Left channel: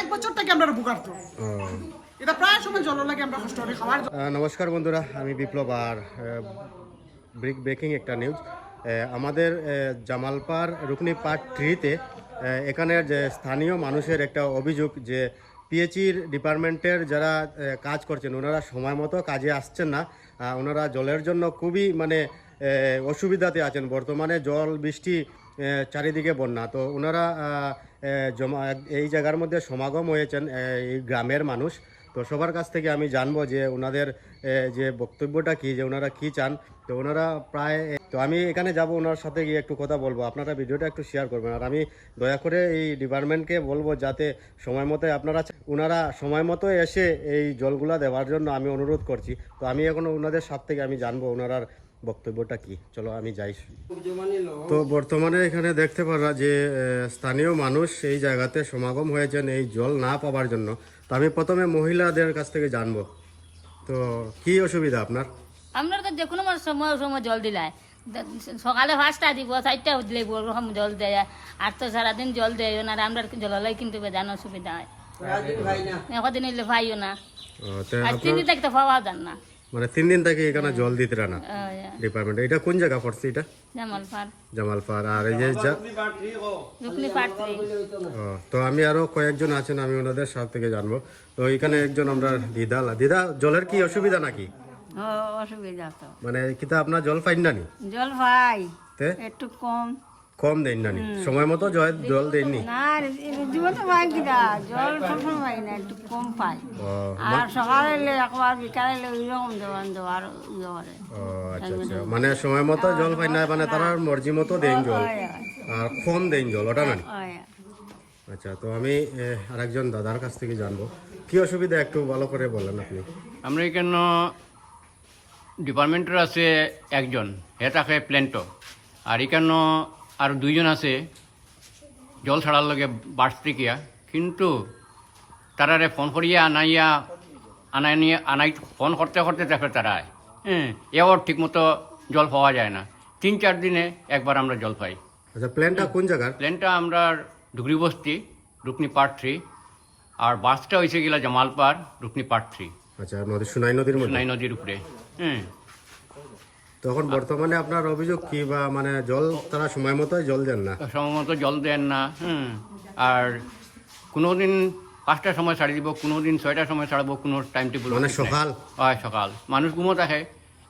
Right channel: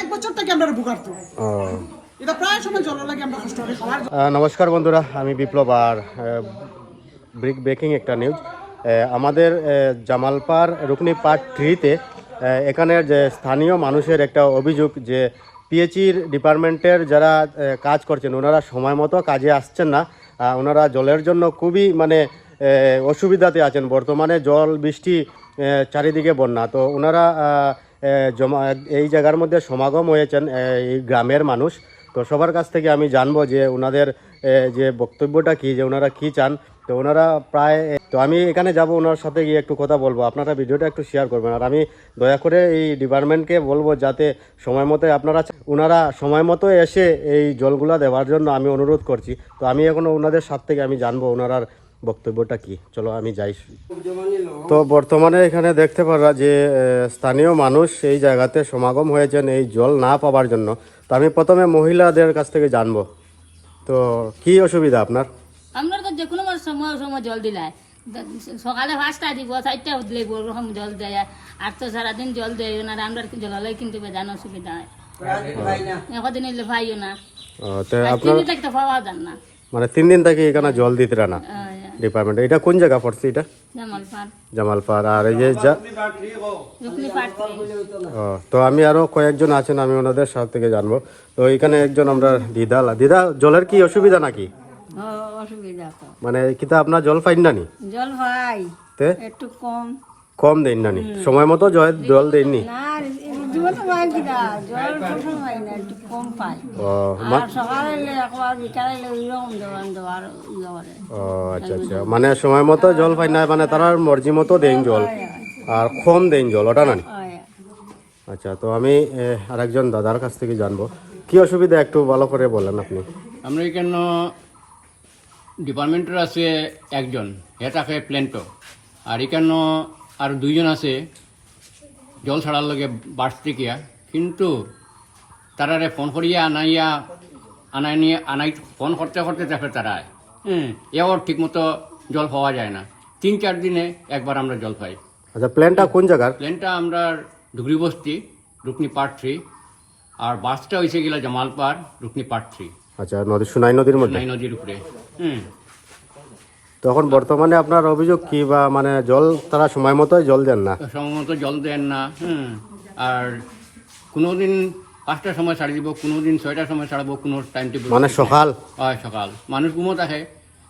এক বছর থেকে আমরা ভোগার্ত এটা প্রায় সময় জল লাগে আমরা কষ্ট করি খাবার নমস্কার বন্ধুরা আমি বিপ্লব আর ব্রিক ব্রেকিং একটা নিউজ। আমাদের আহ, জামালপাড় রুকনি পার্ট থ্রিতে এখানের যে স্থানীয় মানুষের একটা অভিযোগ যে পিএইচির ডিপার্টমেন্টের যারা কাজ করছেন ওনারা সময় মতো কাজে আসছেন না। ওনারা জলের জন্য খুবই মানে অসুবিধাতে আছেন। বর্তমানে জল বৃষ্টি চারিদিকে বন্যা। তো ওনারা জমা, এই জায়গার মধ্যে সমাগম হয়েছেন এই গ্রামের মানুষ। তো সবার কাছ থেকে আমি জানব যে ওনাদের যে বক্তব্যটা কি, যে ওনারা কি চান। তো ওনারা প্রায় তো আমি এখানে যাব ওনার সাথে গিয়ে একটু কথা বলব। আপনারা ভিডিওটা একটু শেয়ার করবেন। আর আমি দয়া করে এই ডিপার্টমেন্টকে বলব যাতে সময় মতো আপনারা ওনারা সময় মতো এসে এই জলগুলা দেওয়ার জন্য আমি অনুরোধ করছি। তো আমি এখন ওনাদের সাথ থেকে আমি জানব ওনারার বক্তব্যটা কি? চলো আমি যাই। তো বর্তমানে এখানে দেখতে পারা যে স্থানীয় মানুষ এই জায়গাতে সমাগম হয়েছেন এই জল না পাওয়ার জন্য। তো আমি প্রথমে মহিলাদের কাছ থেকে জানব। তো কি অসুবিধা আপনার? আমরা তো যে কোনো সময় সময় জল দিলাই সকালে পাঁচটা দিব চারটা দিলে ওরকম জল দেয়। আর তো সারাদিন জল দেয় না আমরা জলালাই কিন্তু বেদান অসুবিধা হয়। একদিন এলে পাইও না। দেখতে পাওয়া যান না। মানে তিন দিন থেকে এখানে জল দিতে না ডিপার্টমেন্ট এটা কোন জায়গা পড়ছে এটা? যেমন পার জামালপাড় আর এই যে তো আমি আরও কয়েকজন আছেন আমি ওনাদের সাথ থেকে জানব। তো এখানে একজন আমরা দিদা। দিদা জলের কি অসুবিধা নাকি? অসুবিধা তো। মানে কিতা আপনার জল পাইন না নি? জল ভাই তে? একটু কম। কম দেন না নি। সময় মতো জল- জল দেননি আচ্ছা আচ্ছা। মানে সময় মতো জল পাই না মানে তারা মর্জি মতো দেন জল। আর কম দেন জল ওটা না আচ্ছা তো আমি আরেকজন দাদার কাছ থেকে জানব। কি অসুবিধা একটু ভালো করে বলেন আপনি। আমরা এখানে ডিপার্টমেন্টের আছে একজন থাকে প্ল্যান্টো আর এখানে আর দুইজন আছে জল ছাড়ার লগে বার্স টিকিয়া কিন্তু তারারে ফোন করিয়া আনাইয়া আনাই নিয়ে আনাই ফোন করতে করতে দেখে তারা হ্যাঁ এও ঠিক মতো জল পাওয়া যায় না। তিন চার দিনে একবার আমরা জল পাই। আচ্ছা প্ল্যানটা কোন জায়গার? প্লেনটা আমরা ডুগরি বস্তি রুকনি পার্ট থ্রি আর বাসটা হয়েছে গেলা জামালপাড় রুকনি পার্ট থ্রি। আচ্ছা নদী সুনাই নদীর মধ্যে? নাই নদীর উপরে হ্যাঁ। তখন বর্তমানে আপনার অভিযোগ কি বা মানে জল তারা সময় মতো জল দেন না? সময় মতো জল দেন না আর কোনো দিন পাঁচটার সময় ছাড়ি দিব কোনো দিন ছয়টার সময় ছাড়বো কোনো টাইম টেবিল মানে সকাল? হয় সকাল। মানুষ ঘুমো থাকে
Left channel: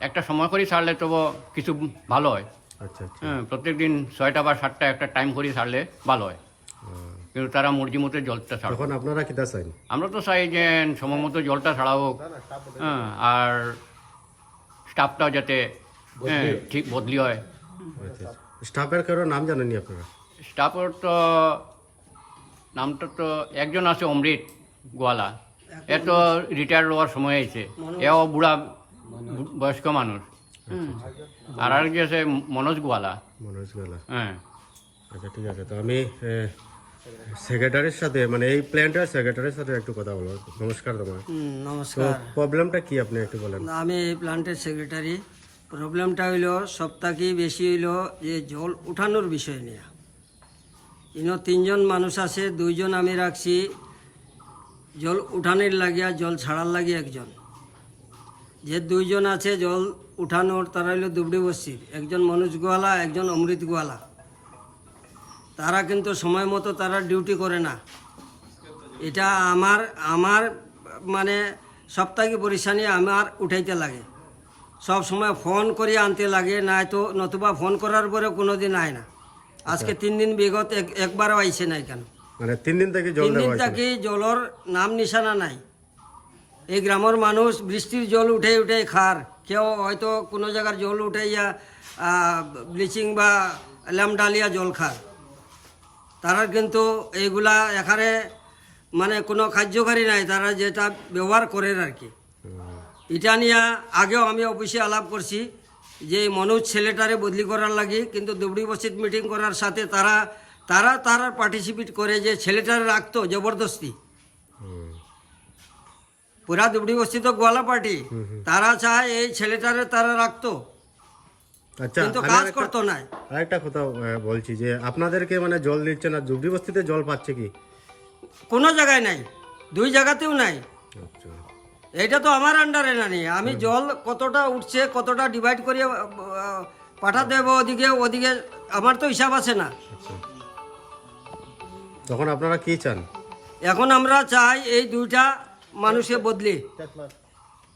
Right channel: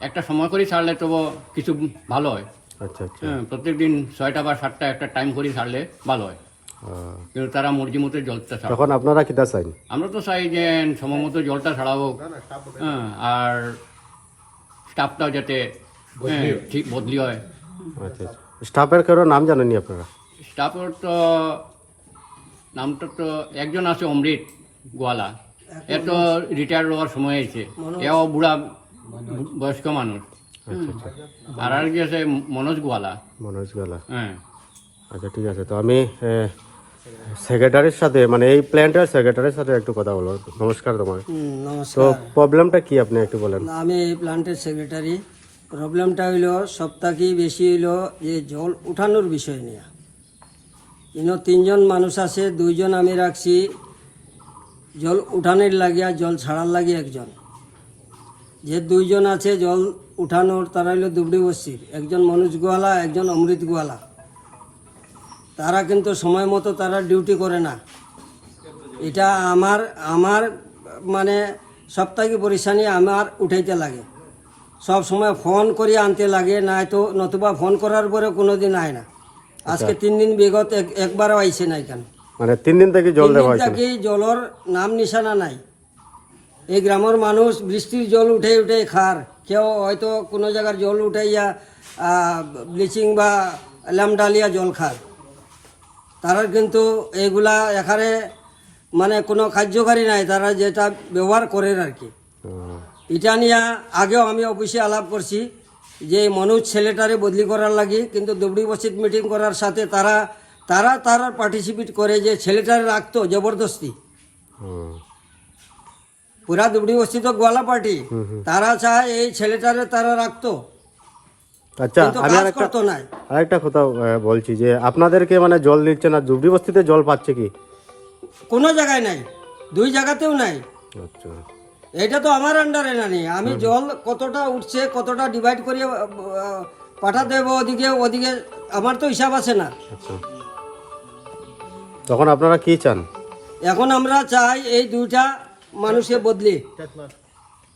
একটা সময় করে ছাড়লে তবু কিছু ভালো হয়। আচ্ছা আচ্ছা। হ্যাঁ প্রত্যেক দিন ছয়টা বা সাতটা একটা টাইম করে ছাড়লে ভালো হয়। কিন্তু তারা মর্জি মতো জলটা ছাড়ে। তখন আপনারা কিতা চাইন? আমরা তো চাই যে সময় মতো জলটা ছাড়াবো হ্যাঁ আর স্টাফটাও যাতে হ্যাঁ, ঠিক বদলি হয়। আচ্ছা আচ্ছা। স্টাফের কেউ নাম জানেননি আপনারা? স্টাফের তো নামটা তো একজন আছে অমৃত গোয়ালা। এ তো রিটায়ার হওয়ার সময় হয়েছে। এও বুড়া বয়স্ক মানুষ। আচ্ছা আচ্ছা। আর আর কি আছে মনোজ গোয়ালা। মনোজ গালা হ্যাঁ। আচ্ছা ঠিক আছে। তো আমি সেক্রেটারির সাথে মানে এই প্ল্যান্টের সেক্রেটারির সাথে একটু কথা বলব। নমস্কার তোমার নমস্কার। প্রবলেমটা কি আপনি একটু বলেন? আমি এই প্লান্টের সেক্রেটারি। প্রবলেমটা হইল সপ্তাহে বেশি হইল যে জল উঠানোর বিষয় নিয়ে। ইনো তিনজন মানুষ আছে, দুইজন আমি রাখছি। জল উঠানের লাগিয়া, জল ছাড়ার লাগি একজন। যে দুইজন আছে জল উঠানোর, তারা হইল দুবড়ি বস্তির। একজন মনোজ গোয়ালা একজন অমৃত গোয়ালা তারা কিন্তু সময় মতো তারা ডিউটি করে না। এটা আমার আমার মানে সপ্তাহে পরিশানি আমার উঠাইতে লাগে। সব সময় ফোন করে আনতে লাগে নাই তো নতুবা ফোন করার পরে কোনো দিন আয় না। আজকে তিন দিন বিগত এক- একবারও আইছে নাই কেন? মানে তিন দিন থেকে জল দেওয়া দিন থেকে জলর নাম নিশানা নাই। এই গ্রামের মানুষ বৃষ্টির জল উঠে উঠে খার। কেউ হয়তো কোনো জায়গার জল উঠাইয়া ব্লিচিং বা ল্যামডালিয়া জল খার। তারা কিন্তু এইগুলা এখানে মানে কোনো কার্যকারী নাই তারা যেটা ব্যবহার করে আর কি। এটা নিয়ে আগেও আমি অফিসে আলাপ করছি যে মনোজ ছেলেটারে বদলি করার লাগে কিন্তু দুবড়ি বসিত মিটিং করার সাথে তারা তারা তারা পার্টিসিপেট করে যে ছেলেটারে রাখতো জবরদস্তি। হুম, পুরা দুবড়ি বস্তি তো গোয়ালা পার্টি তারা চায় এই ছেলেটারে তারা রাখতো আচ্ছা কাজ করতো আরেকটা কথা বলছি যে আপনাদেরকে মানে জল দিচ্ছে না জুবড়ি বস্তিতে জল পাচ্ছে কি? কোনো জায়গায় নাই দুই জায়গাতেও নাই। আচ্ছা। এটা তো আমার আন্ডারে না নি আমি জল কতটা উঠছে কতটা ডিভাইড করিয়ে পাঠাতে হবে ওদিকে ওদিকে আমার তো হিসাব আছে না। আচ্ছা। তখন আপনারা কি চান? এখন আমরা চাই এই দুইটা মানুষকে বদলি।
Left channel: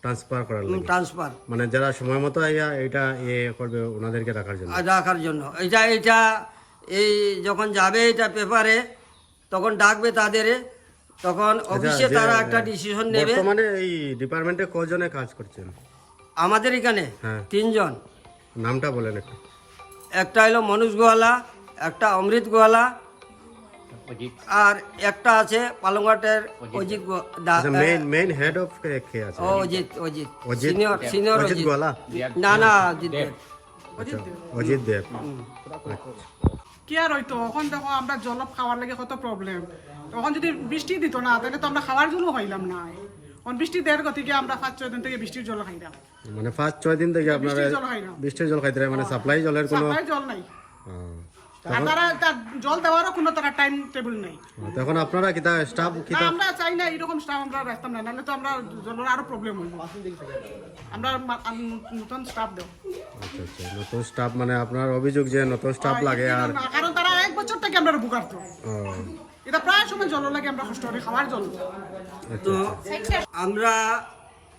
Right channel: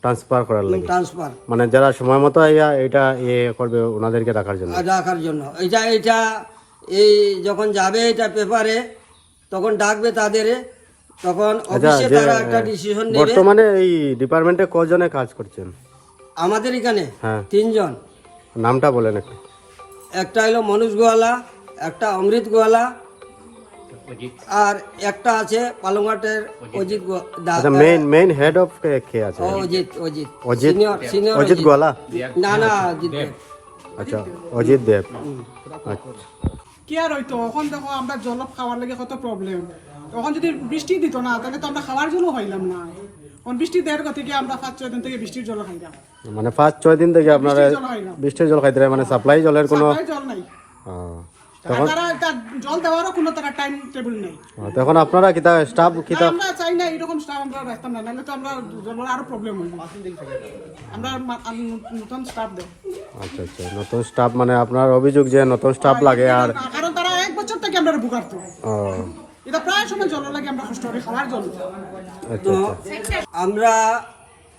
ট্রান্সফার করার লাগে। ট্রান্সফার মানে যারা সময় মতো এটা ইয়ে করবে ওনাদেরকে রাখার জন্য। রাখার জন্য। এটা এটা এই যখন যাবে এটা পেপারে তখন ডাকবে তাদের তখন অফিসে তারা একটা ডিসিশন নেবে। বর্তমানে এই ডিপার্টমেন্টে কজনে কাজ করছেন? আমাদের এখানে হ্যাঁ। তিনজন। নামটা বলেন একটু। একটা হলো মনোজ গোয়ালা একটা অমৃত গোয়ালা আর একটা আছে পালংঘাটের অজিত। আচ্ছা মেইন মেইন হেড অফ কে আছে? ও, Ajit Ajit. Ajit? Senior senior Ajit Goala? না না অজিত। আচ্ছা অজিত দেব। আচ্ছা। কি আর হইতো? এখন দেখো আমরা জল খাওয়ার লাগে কত প্রবলেম তখন যদি বৃষ্টি দিত না তাহলে তো আমরা খাওয়ার জন্য হইলাম না। এখন বৃষ্টি দেওয়ার গতিকে আমরা পাঁচ ছয় দিন থেকে বৃষ্টির জল খাইলাম? মানে পাঁচ ছয় দিন থেকে আপনারা বৃষ্টির জল খাইতে মানে সাপ্লাই জলের কোনো জল নাই। জল দেওয়ারও কোনো তারা টাইম টেবিল নাই। তখন আপনারা কিতা স্টাফ কিতা আমরা চাই না এরকম স্টাফ আমরা রাখতাম না নাহলে তো আমরা জলের আরও প্রবলেম হইব আমরা মা- নতুন স্টাফ দেব। আচ্ছা আচ্ছা নতুন স্টাফ মানে আপনার অভিযোগ যে নতুন স্টাফ লাগে আর কারণ তারা এক বছর থেকে আমরা বুকারতো ও, এটা প্রায় সময় জল লাগে আমরা কষ্ট করি খাওয়ার জল আচ্ছা তো আমরা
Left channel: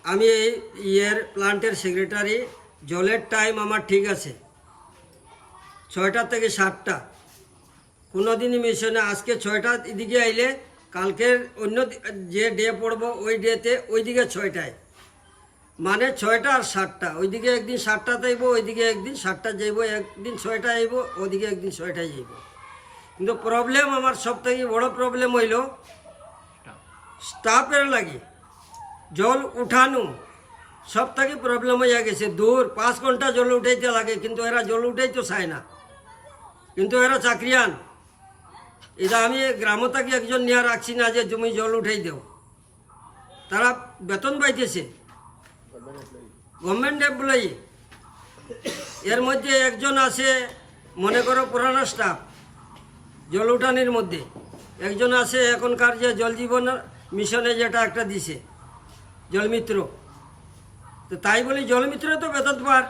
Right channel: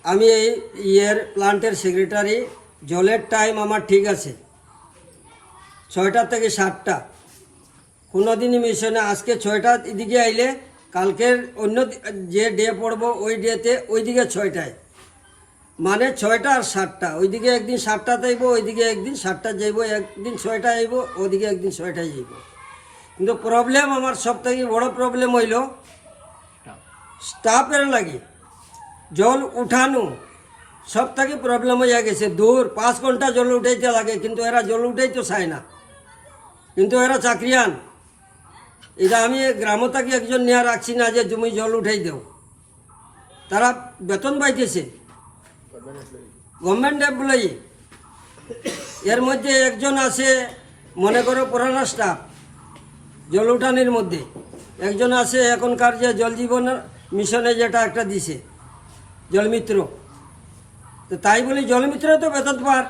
আমি এই ইয়ের প্লান্টের সেক্রেটারি জলের টাইম আমার ঠিক আছে। ছয়টা থেকে সাতটা। কোনো দিনই না। আজকে ছয়টা এদিকে আইলে কালকের অন্য যে ডে পড়ব ওই ডেতে ওইদিকে ছয়টায়। মানে ছয়টা আর সাতটা। ওইদিকে একদিন সাতটাতে আইব ওইদিকে একদিন সাতটা যাইব একদিন ছয়টা আইব ওইদিকে একদিন ছয়টায় যাইব। কিন্তু প্রবলেম আমার সব থেকে বড় প্রবলেম হইল স্টাফের লাগে জল উঠানো সব থেকে প্রবলেম হয়ে গেছে। দূর, পাঁচ ঘণ্টা জল উঠাইতে লাগে, কিন্তু এরা জল উঠাইতে চায় না। কিন্তু এরা চাকরিয়ান। এটা আমি গ্রাম থেকে একজন নিয়ে রাখছি না যে তুমি জল উঠাই দেও। তারা বেতন পাইতেছে। গভর্নমেন্ট এমপ্লয়ি এর মধ্যে একজন আছে, মনে করো পুরানা স্টাফ জল উঠানির মধ্যে। একজন আছে এখনকার যে জল জীবন মিশনে যেটা একটা দিছে, জলমিত্র। তো তাই বলি জলমিত্র তো বেতন পার।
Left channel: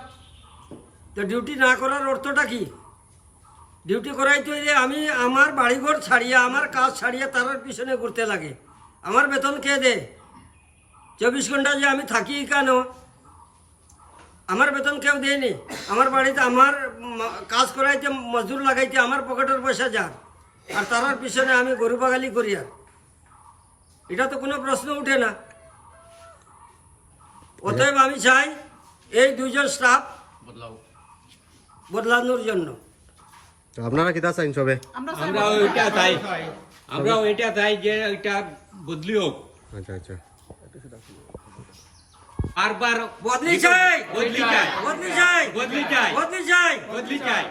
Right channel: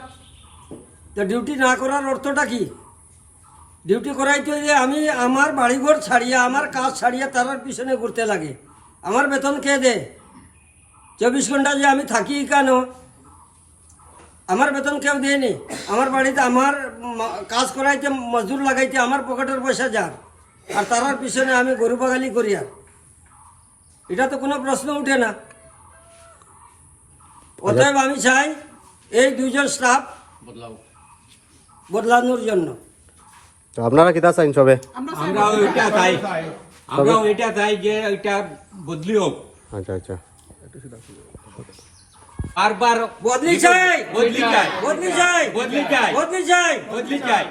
তো ডিউটি না করার অর্থটা কি? ডিউটি করাইতে যে আমি আমার বাড়িঘর ছাড়িয়া, আমার কাজ ছাড়িয়া তারার পিছনে ঘুরতে লাগে। আমার বেতন কে দে? চব্বিশ ঘণ্টা যে আমি থাকি কেন? আমার বেতন কেউ দেয়নি। আমার বাড়িতে, আমার কাজ করাইতে মজদুর লাগাইতে আমার পকেটের পয়সা যার। আর তারার পিছনে আমি গরু বাগালি করি আর। এটা তো কোনো প্রশ্ন উঠে না। অতএব আমি চাই এই দুজন স্টাফ বদলাও। বদলানোর জন্য। তো আপনারা কিতা চাইন সবে? আমরা আমরাও এটা চাই। আমরাও এটা চাই যে এটা বদলি হোক। আচ্ছা আচ্ছা। বারবার বদলি চাই। বদলি চাই। বদলি চাই। বদলি চাই। বদলি চাই। বদলি চাই।